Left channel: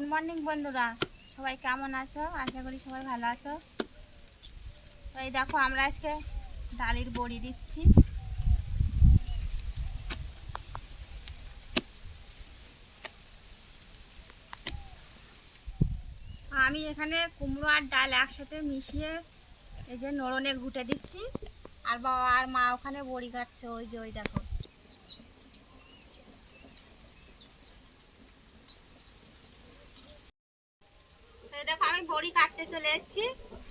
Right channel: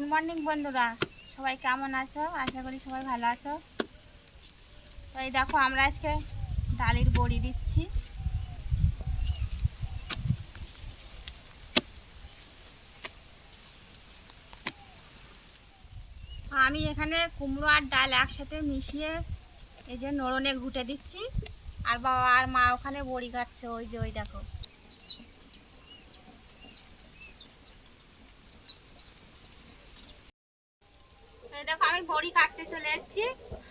Good morning বন্ধুরা। সবাই কেমন আছো? আশা করি সবাই ভালো আছো। তো এই দেখো, আমরা আজকে ডালির বড়ি দিচ্ছি। আমি এখানে কুমড়ো আর ডাল একসাথে মিশিয়ে এই যে নরনে ঘুটে দিচ্ছি। আর বাবা আর মা ওখানে বড়ি কাটছে, ওই যে, ওই দেখো। দেখো, আমি বড়ি কাটতে চলে যাচ্ছি।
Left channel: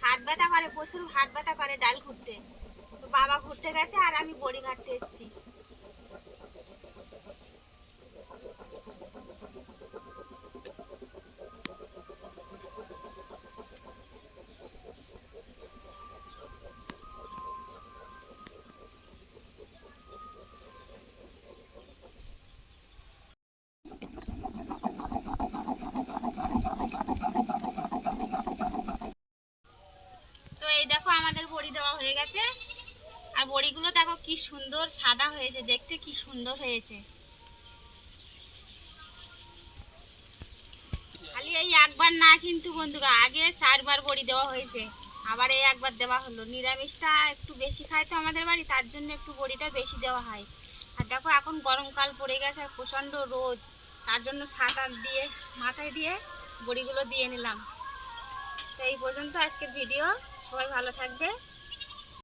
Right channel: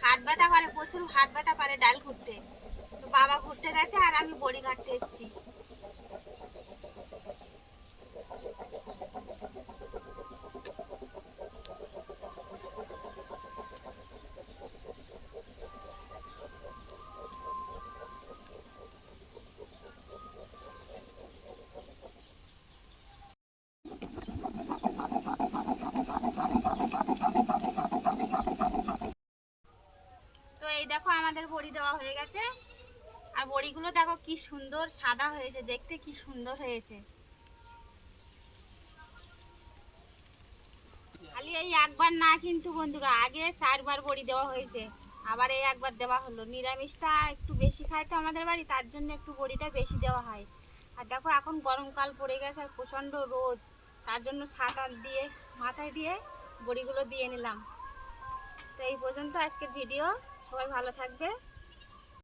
হাত ব্যথা করে, প্রচুর হাত ব্যথা করে ডাল ঘুরতে। তো বাবা ঘুরতে গেছে আর আমি বড়ি কাটতে এসেছি। এই দেখো আমাদের বড়ি দেওয়া হয়ে গেছে। আর বড়িগুলো দেখো কি সুন্দর সাদা হয়েছে, দেখতে কি সুন্দর হয়েছে। খালি এই একবার না কিন্তু বন্ধুরা, আগে চারবার বড়ি দেওয়া হয়েছে। আবার এই একবার দেওয়া হলো। নিরামিষটা একটু বেশি খায় তো আমাদের বাড়ি, তার জন্য একটু বড়িটা বেশি দেওয়া হয়। আর দেখো এখন গরমকাল পড়ে গেছে আর প্রচণ্ড রোদ, তার জন্য সাঁতার দিয়ে, মাথায় দিয়ে বড়িগুলো দিয়ে নিলাম। এই পর্যন্ত আজকের ভিডিও। সবাই ভালো থাকবে।